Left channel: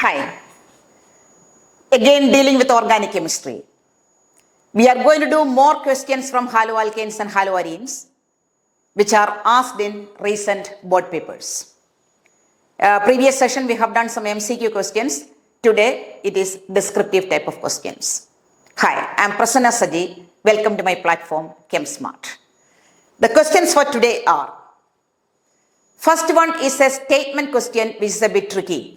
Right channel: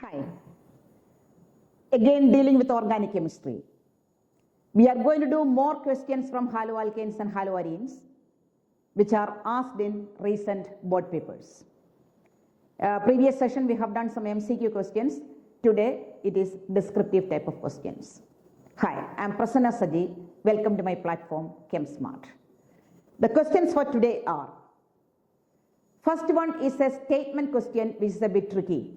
Hi. Again, dealing with organic chemistry. We are going to do more questions from haloalkanes and haloarenes, which are asked in recent board papers. Previous session, we have done some MCQ questions. Today, it is descriptive type of questions. Hi, I am Prasanna Saji. Welcome to my platform, ChemSmart. The questions for today are, first one is a statement question, which is a bit tricky.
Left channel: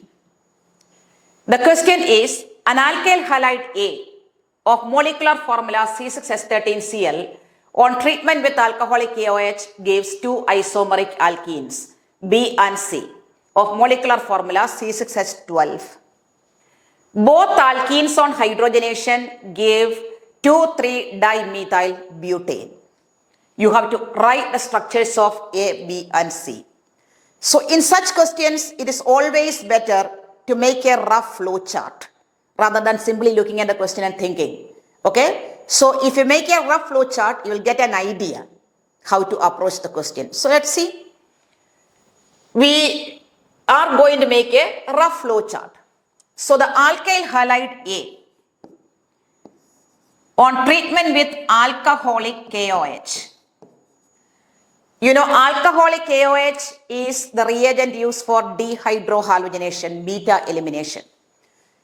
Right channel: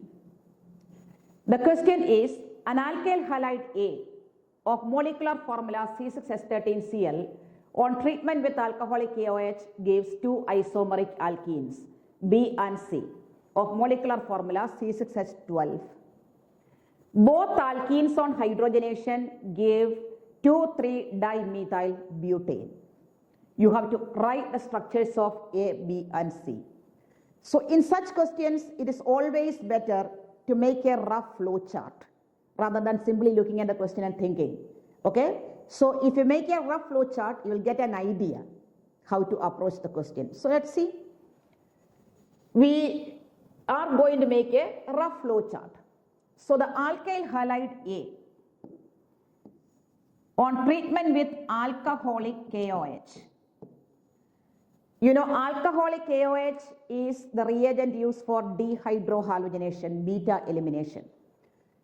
The question is, an alkyl halide A of molecular formula C6H13Cl on treatment with alcoholic KOH gives two isomeric alkenes B and C of molecular formula C6H12. Both alkenes on hydrogenation give 2,3-dimethyl butane. You have to write the structures of A, B and C. So in such questions, it is always better to make a rough flow chart rather than simply looking at the question and thinking. Okay? So if you make a rough flow chart, you will get an idea how to approach the question. So let's see. We are going to make a rough flow chart. So the alkyl halide A on treatment with alcoholic KOH. You know, alcoholic KOH is the reagent used for dehydrohalogenation, beta elimination.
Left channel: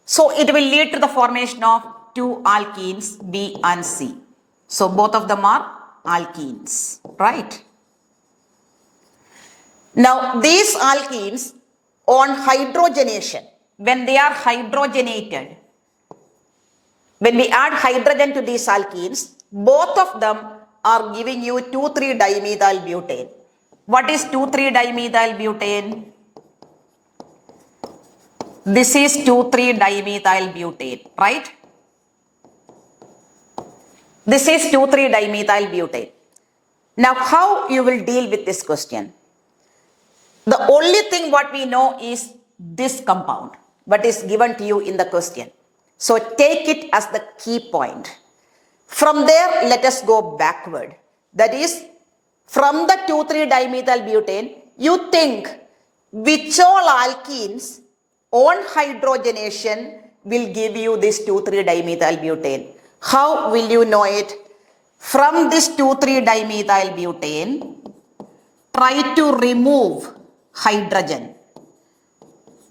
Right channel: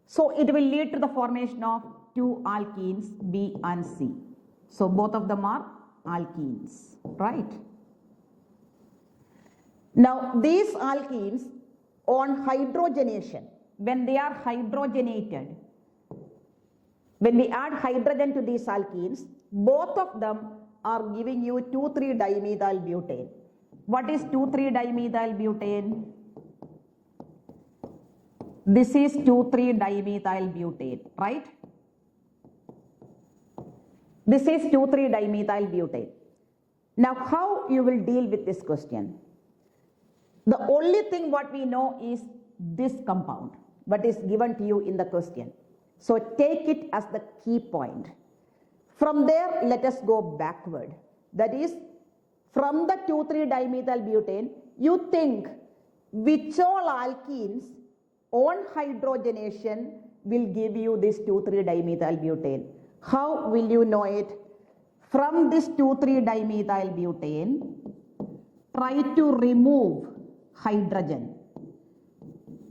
So it will lead to the formation of two alkenes, B and C. So both of them are alkenes, right? Now these alkenes on hydrogenation, when they are hydrogenated, when we add hydrogen to these alkenes, both of them are giving you 2,3-dimethyl butane. What is 2,3-dimethyl butane? This is 2,3-dimethyl butane, right? This is 2,3-dimethyl butane. Now, how you will deal with this question? The only thing what we know is this compound, what is given to you in the question. So take it as the key point. From there, let us go backward. That is, from the 2,3-dimethyl butane, you think which all alkenes on hydrogenation will give you this 2,3-dimethyl butane. How will you know it? From this 2,3-dimethyl butane, try to remove hydrogen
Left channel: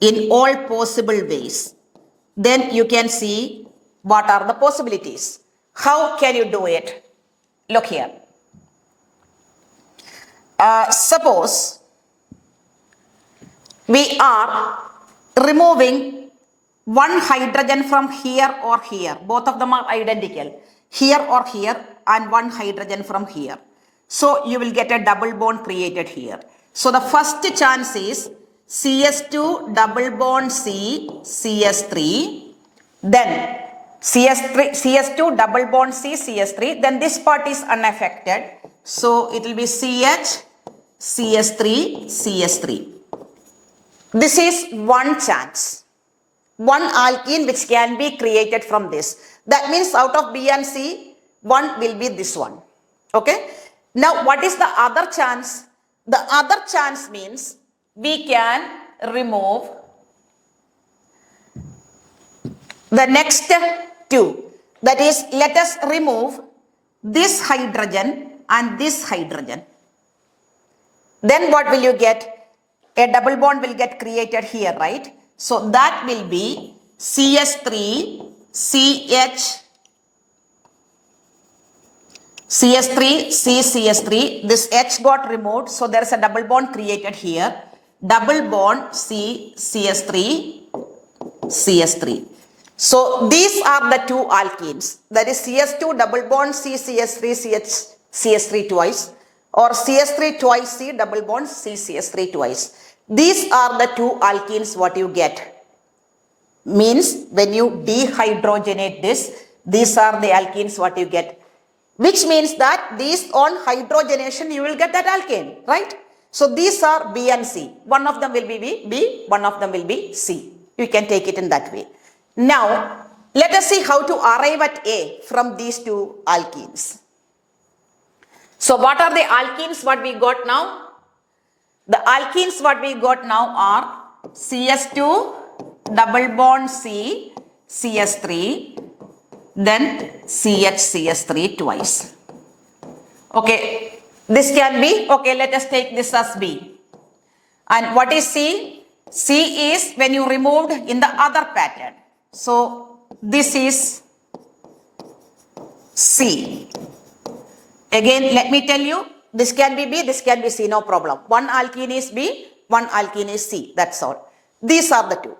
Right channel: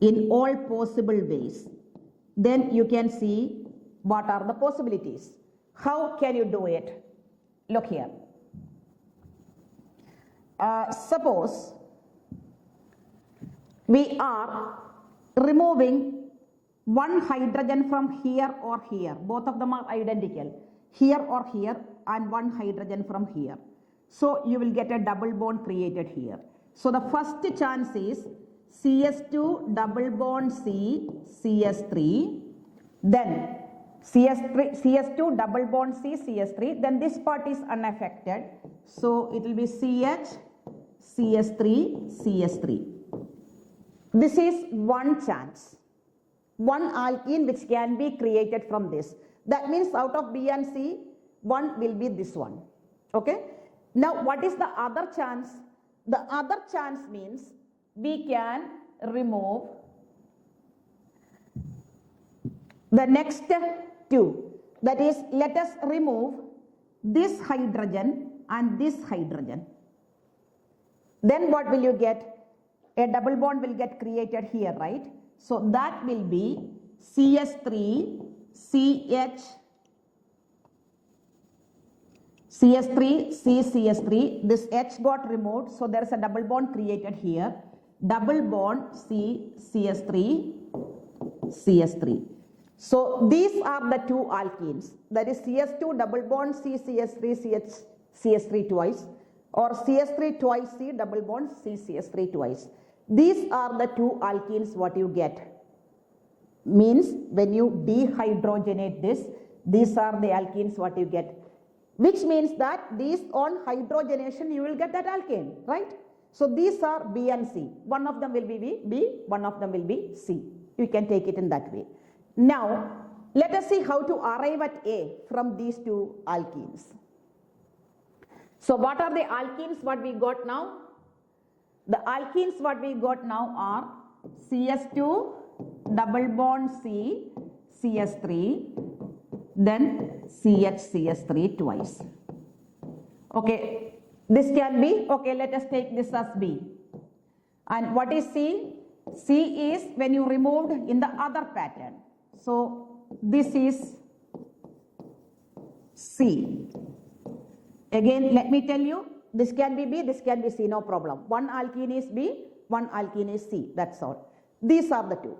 in all possible ways. Then you can see what are the possibilities. How can you do it? Look here. Suppose we are removing one hydrogen from here or here. Both of them are identical. Here or here, and one hydrogen from here. So you will get a double bond created here. So the first chance is CS2 double bond C, CS3. Then CS2 double bond C, CS3. Then this part is unaffected. So it will be CH, CS3, CS3. This is one chance. One alkene which can be created from this. That means out of B and C, one will be this one. Okay. Now what is the other chance? The other chance means we can remove the next two. That is, let us remove this hydrogen and this hydrogen. Then what will you get? A double bond will get created here, right? So that will be CS3, CH, CS3, C, CS3. This H got removed, so there is a double bond created here. Double bond C, CS3, CS3. So these are the two alkenes. That is CS2 double bond C, CS3, CH, CS3 twice. Or CS3 twice C double bond C, CS3 twice. These are the two alkenes what you get. Means when you dehydrogenate this, these are the alkenes what you get. Which means that these on hydrogenation you will get that alkane, right? So these are B and C. One of them will be B, one of them will be C. You can take it in that way. Now, let us see how to arrive at A from these two alkenes. So what are the alkenes what we got now? The alkenes what we got now are CS2 double bond C, CS3, then CH, CS3 twice. Okay, this can be, okay, let us take this as B. And what is C? C is when you removed in the other pattern. So this is C. Again, let me tell you, this can be B, this can be C, no problem. One alkene is B, one alkene is C, that's all. These are the two.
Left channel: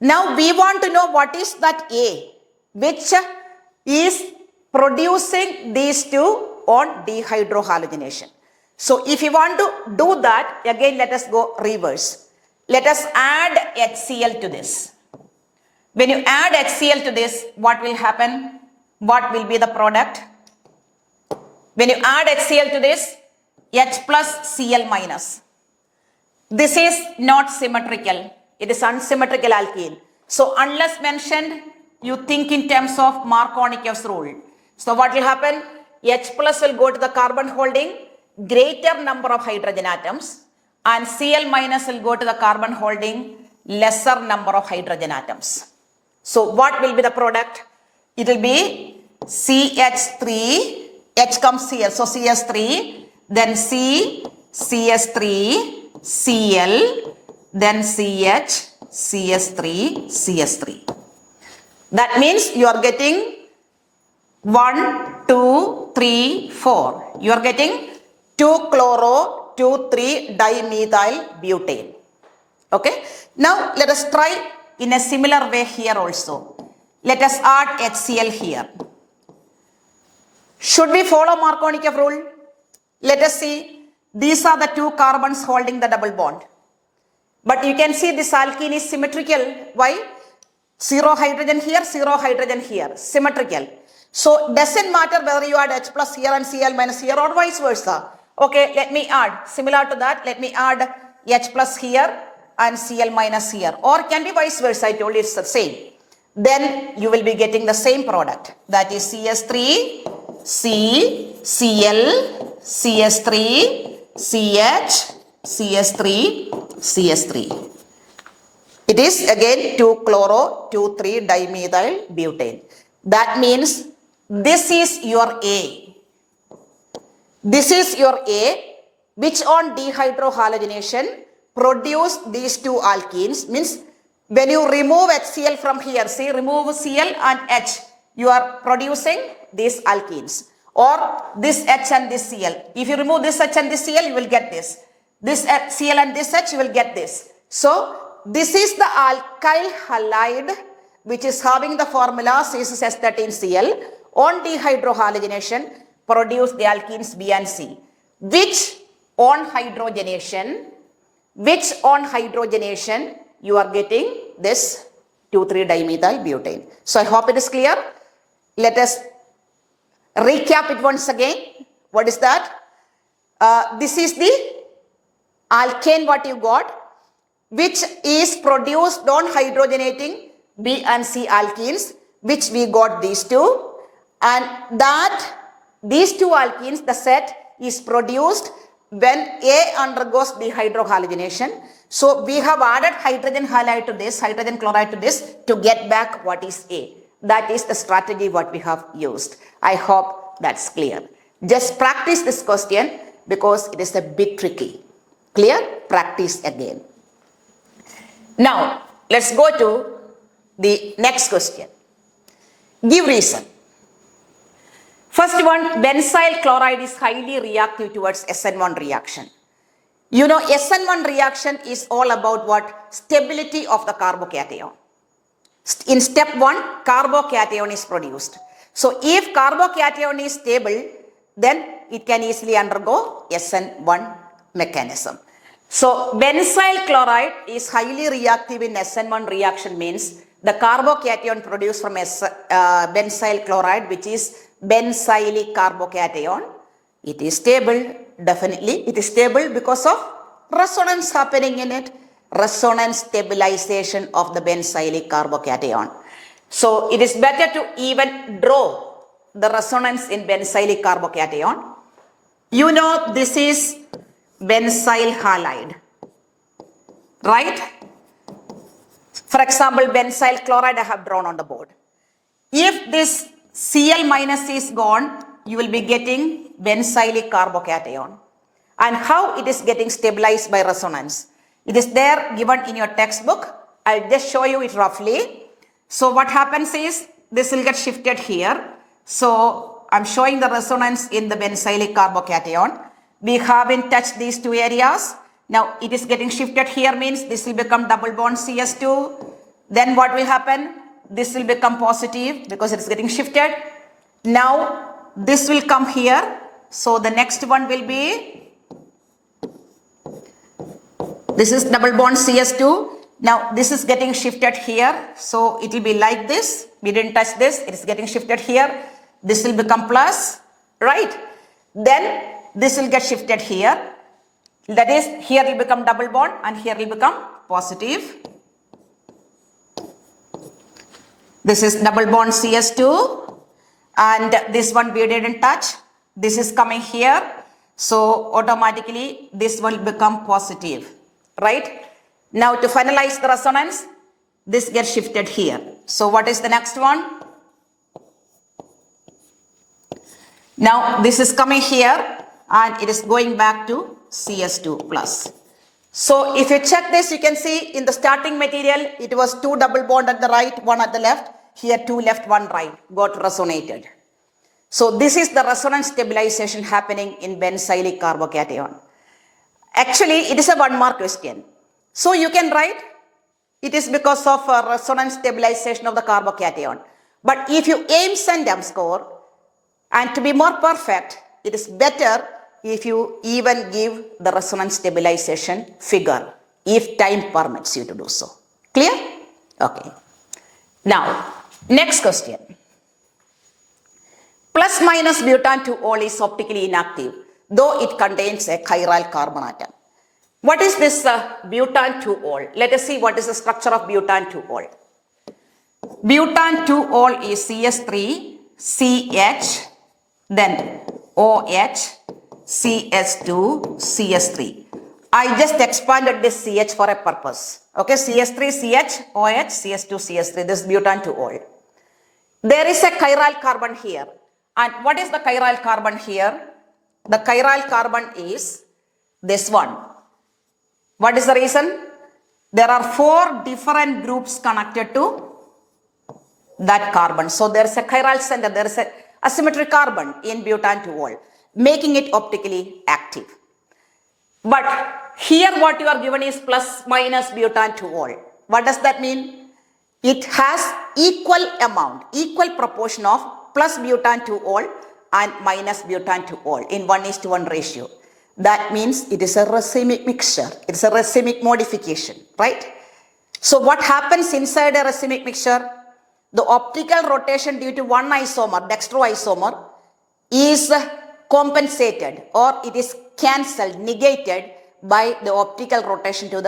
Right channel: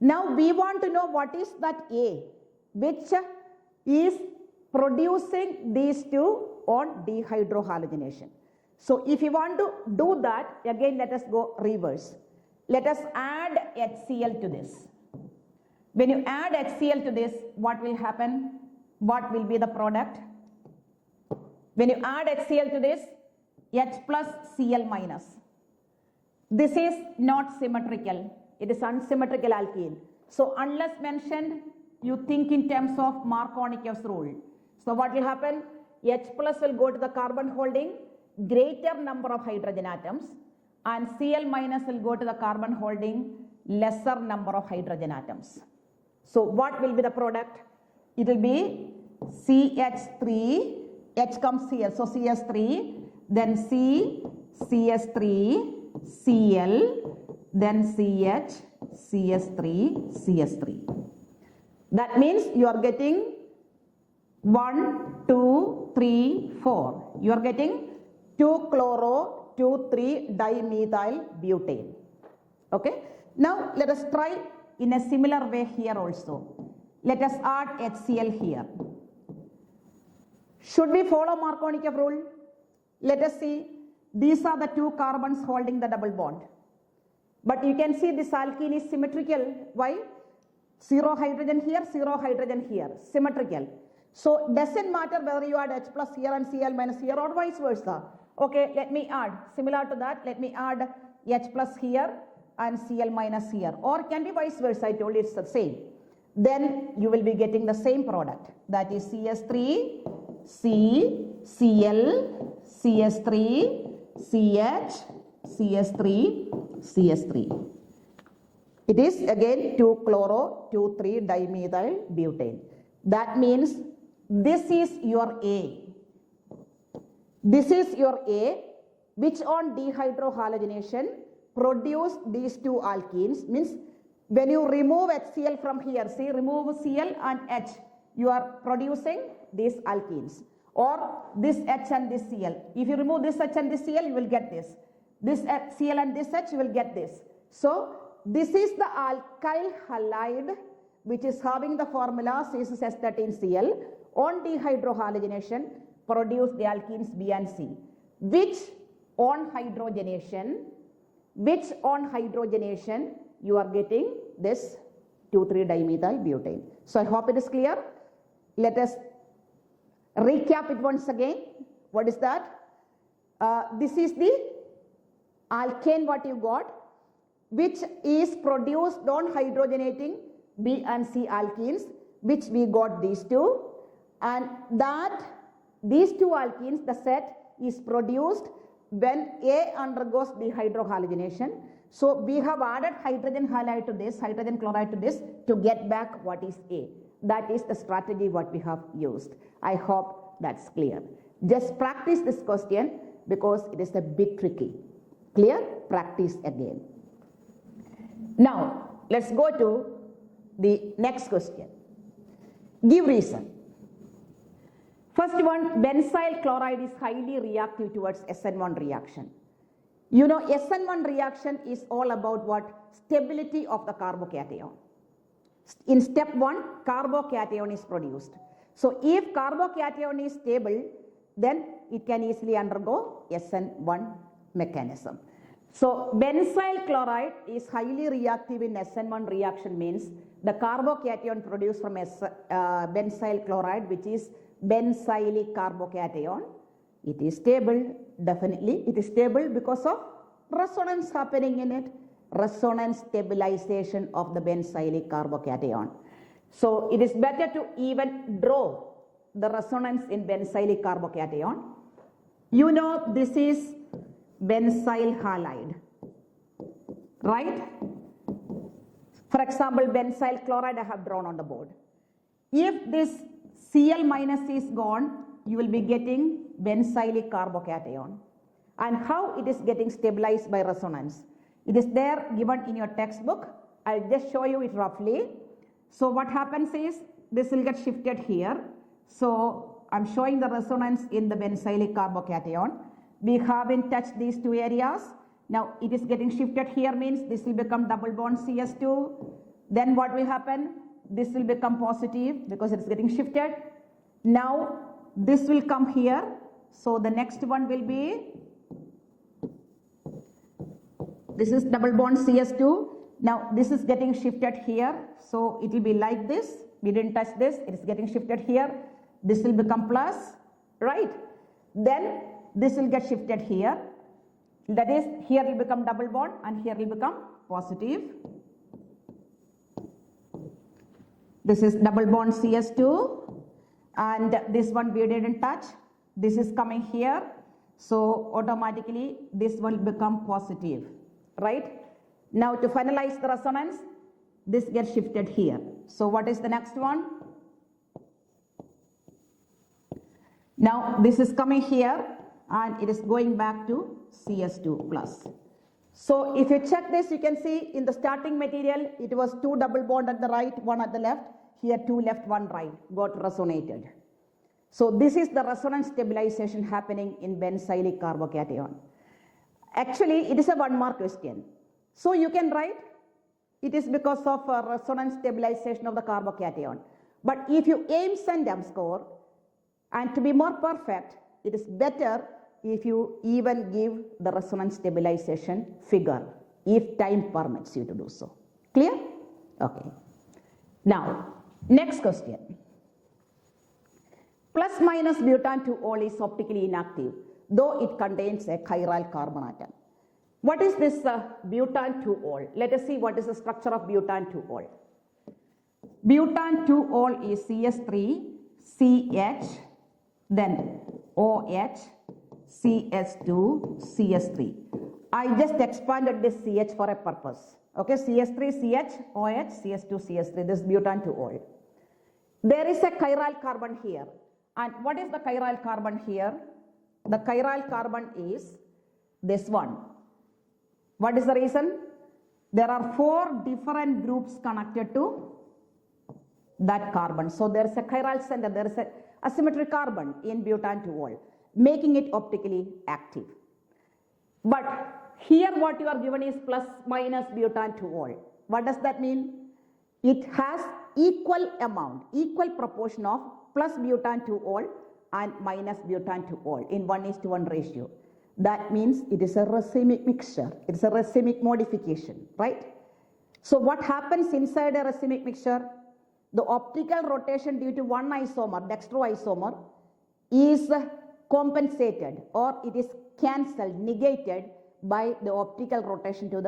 Now we want to know what is that A, which is producing these two on dehydrohalogenation. So if you want to do that, again let us go reverse. Let us add HCl to this. When you add HCl to this, what will happen? What will be the product? When you add HCl to this, H plus Cl minus. This is not symmetrical. It is unsymmetrical alkene. So unless mentioned, you think in terms of Markovnikov's rule. So what will happen? H plus will go to the carbon holding greater number of hydrogen atoms, and Cl minus will go to the carbon holding lesser number of hydrogen atoms. So what will be the product? It will be CH3, H comes here, so CS3, then C, CS3, Cl, then CH, CS3, CS3. That means you are getting 1, 2, 3, 4. You are getting 2-chloro, 2,3-dimethyl butane. Okay. Now let us try in a similar way here also. Let us add HCl here. Should we follow Markovnikov rule? Let us see. These are the two carbons holding the double bond. But you can see this alkene is symmetrical. Why? 0 hydrogen here, 0 hydrogen here. Symmetrical. So doesn't matter whether you add H plus here and Cl minus here or vice versa. Okay, let me add. Similar to that, let me add H plus here and Cl minus here. Or can be vice versa. I told you it's the same. Then you will be getting the same product. That is CS3, C, Cl, CS3, CH, CS3, CS3. It is again 2-chloro, 2,3-dimethyl butane. That means this is your A. This is your A, which on dehydrohalogenation produce these two alkenes. Means when you remove HCl from here, see, remove Cl and H, you are producing these alkenes. Or this H and this Cl. If you remove this H and this Cl, you will get this. This Cl and this H, you will get this. So this is the alkyl halide which is having the formula C6H13Cl. On dehydrohalogenation produce the alkenes B and C, which on hydrogenation you are getting this 2,3-dimethyl butane. So I hope it is clear. Let us recap it once again. What is that? This is the alkane what you got, which is produced on hydrogenating B and C alkenes, which we got these two. And that these two alkenes, the set is produced when A undergoes dehydrohalogenation. So we have added hydrogen halide to this, hydrogen chloride to this to get back what is A. That is the strategy what we have used. I hope that's clear. Just practice this question because it is a bit tricky. Clear? Practice again. Now, let's go to the next question. Give reason. First one, benzyl chloride is highly reactive towards SN1 reaction. You know, SN1 reaction is all about what? Stability of the carbocation. In step 1, carbocation is produced. So if carbocation is stable, then it can easily undergo SN1 mechanism. So benzyl chloride is highly reactive in SN1 reaction means the carbocation produced from benzyl chloride, which is benzylic carbocation, it is stable. Definitely it is stable because of resonance happening in it. Resonance stabilization of the benzylic carbocation. So it is better to even draw the resonance in benzylic carbocation. You know this is benzyl halide, right? For example, benzyl chloride I have drawn on the board. If this Cl minus is gone, you will be getting benzylic carbocation. And how it is getting stabilized by resonance? It is there given in your textbook. I'll just show you it roughly. So what happens is this will get shifted here. So I'm showing the resonance in the benzylic carbocation. We haven't touched these two areas. Now it is getting shifted here, means this will become double bond CS2. Then what will happen? This will become positive because it is getting shifted. Now this will come here. So the next one will be, this is double bond CS2. Now this is getting shifted here. So it will be like this. We didn't touch this. It is getting shifted here. This will become plus, right? Then this will get shifted here. That is, here will become double bond and here will become positive. This is double bond CS2 and this one we didn't touch. This is coming here. So automatically this will become positive, right? Now to finalize the resonance, this gets shifted here. So what is the next one? Now this is coming here and it is going back to CS2 plus. So if you check this, you can see in the starting material, it was 2 double bond at the right, 1 at the left. Here 2 left, 1 right, got resonated. So this is the resonance stabilization happening in benzylic carbocation. Actually, it is a 1 mark question. So you can write, it is because of resonance stabilization of the carbocation. But if you aim CENTEM score, and to be more perfect, it is better if you even give the resonance stabilization figure, if time permits you to do so. Clear? Okay. Now, next question. Plus minus butan 2-ol is optically inactive, though it contains a chiral carbon atom. What is this butan 2-ol? Let us see what is the structure of butan 2-ol. Butan 2-ol is CS3, CH, then OH, CS2, CS3. I just expanded this CH for a purpose. Okay, CS3, CH, OH, CS2, CS3. This is butan 2-ol. There is a chiral carbon here. And what is the chiral carbon here? The chiral carbon is this one. What is the reason? There are 4 different groups connected to that carbon. So there is a chiral center, there is a asymmetric carbon in butan 2-ol, making it optically active. But here what you are given is plus minus butan 2-ol. What does that mean? It has equal amount, equal proportion of plus butan 2-ol and minus butan 2-ol in 1:1 ratio. That means it is a racemic mixture. It is a racemic modification, right? So what happens inside a racemic mixture? The optical rotation due to one isomer, dextroisomer, is compensated or it is cancelled, negated by the optical rotation through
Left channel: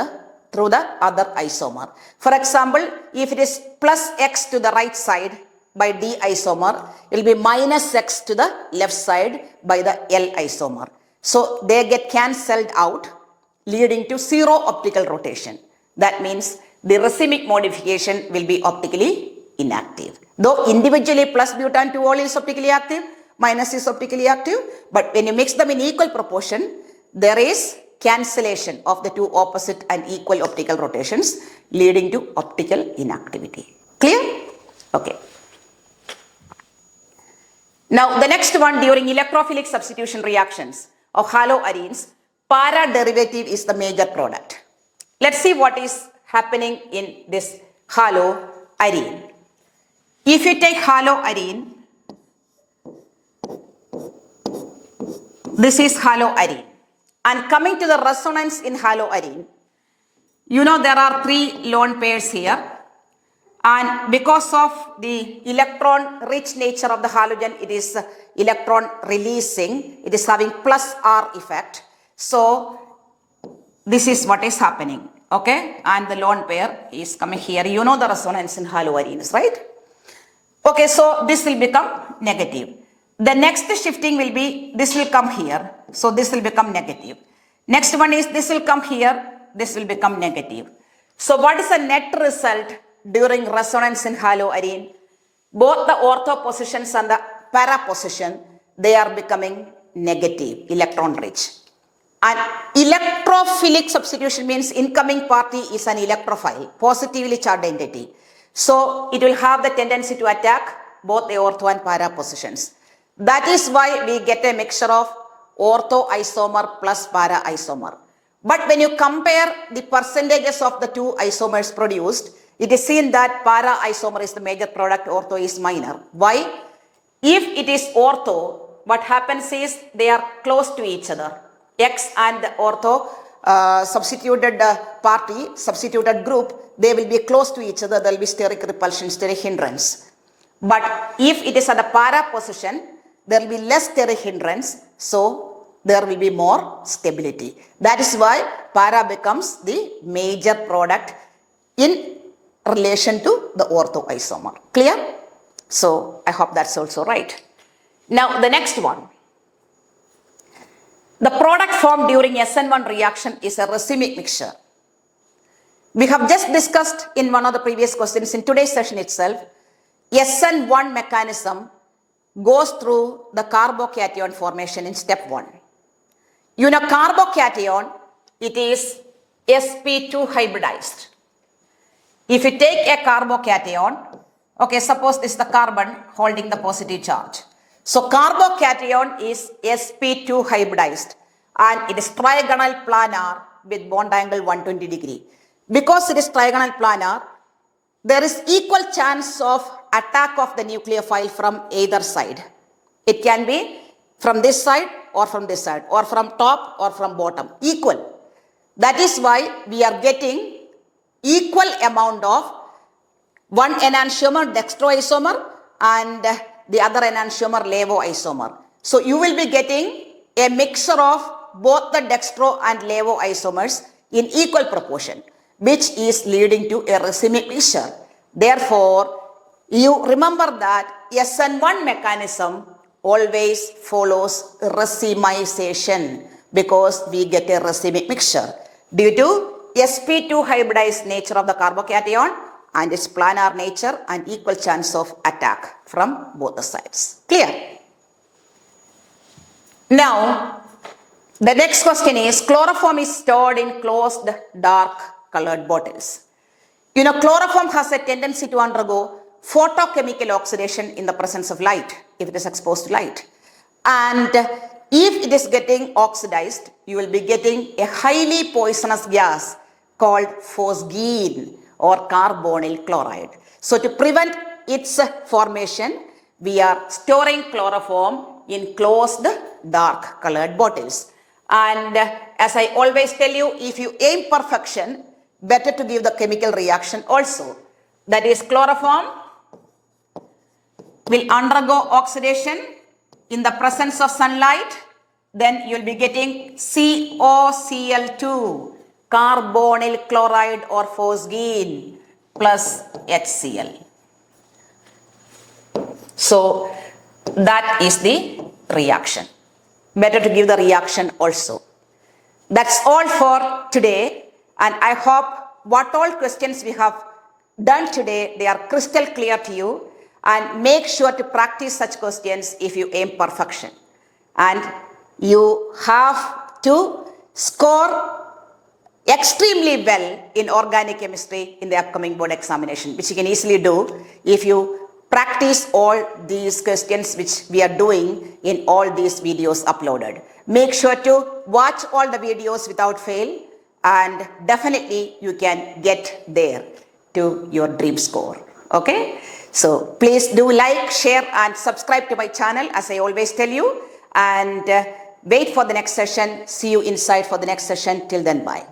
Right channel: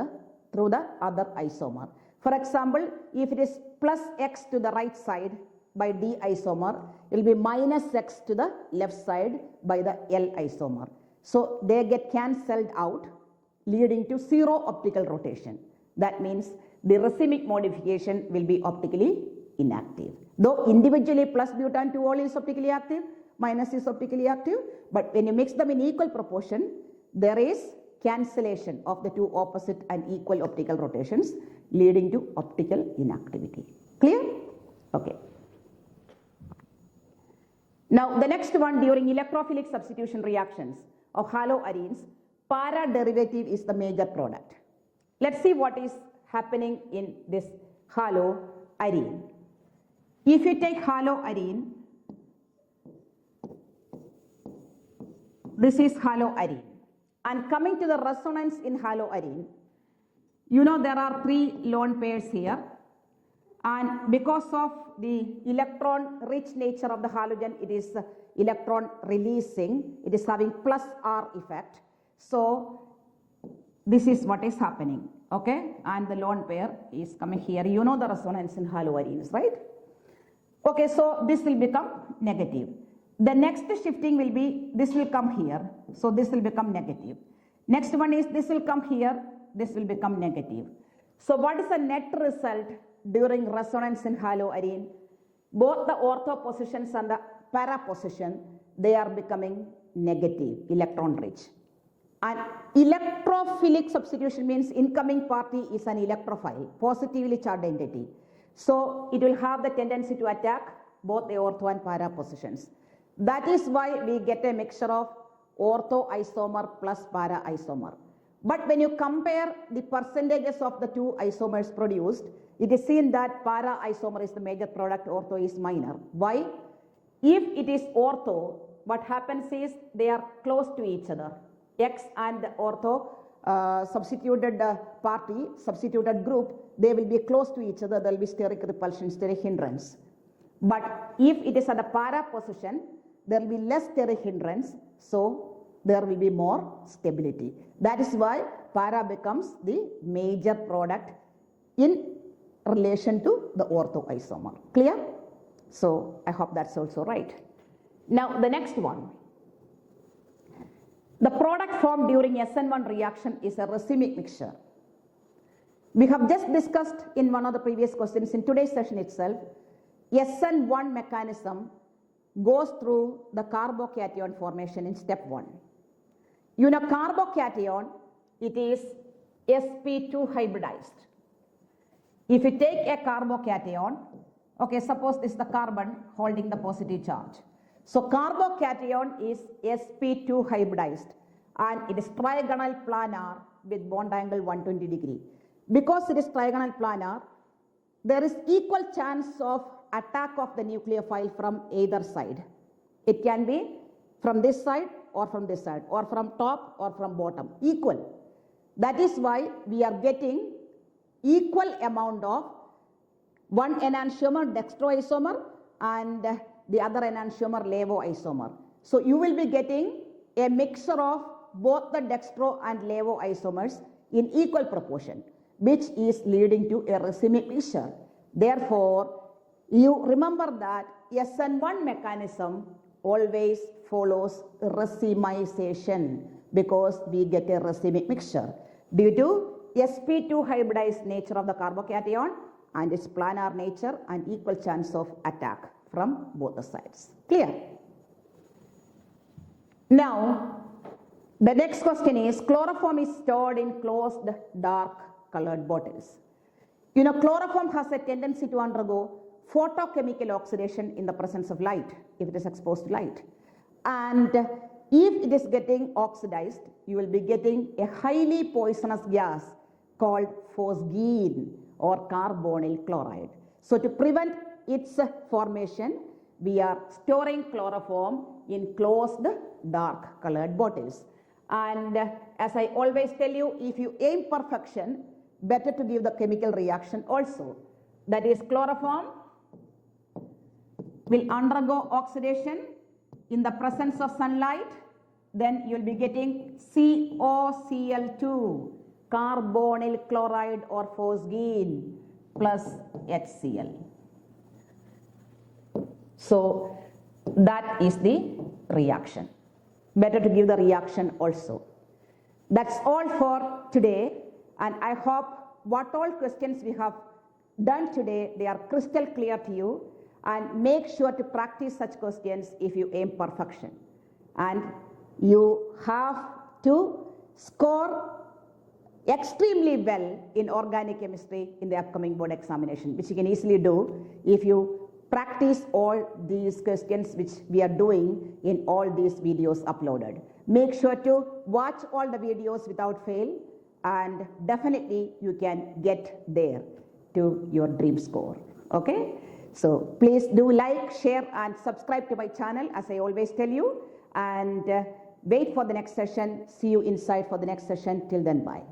the other isomer. For example, if it is plus X to the right side by D isomer, it will be minus X to the left side by the L isomer. So they get cancelled out, leading to 0 optical rotation. That means the racemic modification will be optically inactive. Though individually plus butan 2-ol is optically active, minus is optically active, but when you mix them in equal proportion, there is cancellation of the 2 opposite and equal optical rotations, leading to optical inactivity. Clear? Okay. Now the next one, during electrophilic substitution reactions of haloarenes, para derivative is the major product. Let's see what is happening in this haloarene. If you take haloarene, this is haloarene. And coming to the resonance in haloarene, you know there are 3 lone pairs here. And because of the electron-rich nature of the halogen, it is electron releasing. It is having plus R effect. So this is what is happening. Okay, and the lone pair is coming here. You know the resonance in haloarenes, right? Okay, so this will become negative. The next shifting will be, this will come here. So this will become negative. Next one is, this will come here. This will become negative. So what is the net result during resonance in haloarine? Both the ortho positions and the para position, they are becoming negative, electron rich. And electrophilic substitution means incoming party is an electrophile, positively charged entity. So it will have the tendency to attack both the ortho and para positions. That is why we get a mixture of ortho isomer plus para isomer. But when you compare the percentages of the two isomers produced, it is seen that para isomer is the major product, ortho is minor. Why? If it is ortho, what happens is they are close to each other. X and the ortho substituted party, substituted group, they will be close to each other. There will be steric repulsion, steric hindrance. But if it is at the para position, there will be less steric hindrance. So there will be more stability. That is why para becomes the major product in relation to the ortho isomer. Clear? So I hope that's also right. Now the next one. The product formed during SN1 reaction is a racemic mixture. We have just discussed in one of the previous questions in today's session itself, SN1 mechanism goes through the carbocation formation in step 1. You know, carbocation, it is sp2 hybridized. If you take a carbocation, okay, suppose this is the carbon holding the positive charge. So carbocation is sp2 hybridized and it is trigonal planar with bond angle 120 degree. Because it is trigonal planar, there is equal chance of attack of the nucleophile from either side. It can be from this side or from this side, or from top or from bottom, equal. That is why we are getting equal amount of one enantiomer dextroisomer and the other enantiomer levoisomer. So you will be getting a mixture of both the dextro and levoisomers in equal proportion, which is leading to a racemic mixture. Therefore, you remember that SN1 mechanism always follows racemization because we get a racemic mixture due to sp2 hybridized nature of the carbocation and its planar nature and equal chance of attack from both the sides. Clear? Now, the next question is, chloroform is stored in closed dark colored bottles. You know, chloroform has a tendency to undergo photochemical oxidation in the presence of light, if it is exposed to light. And if it is getting oxidized, you will be getting a highly poisonous gas called phosgene or carbonyl chloride. So to prevent its formation, we are storing chloroform in closed dark colored bottles. And as I always tell you, if you aim perfection, better to give the chemical reaction also. That is, chloroform will undergo oxidation in the presence of sunlight. Then you will be getting COCl2, carbonyl chloride or phosgene plus HCl. So that is the reaction. Better to give the reaction also. That's all for today, and I hope what all questions we have done today, they are crystal clear to you, and make sure to practice such questions if you aim perfection. And you have to score extremely well in organic chemistry in the upcoming board examination, which you can easily do if you practice all these questions which we are doing in all these videos uploaded. Make sure to watch all the videos without fail, and definitely you can get there to your dream score. Okay? So please do like, share and subscribe to my channel as I always tell you, and wait for the next session. See you inside for the next session. Till then, bye.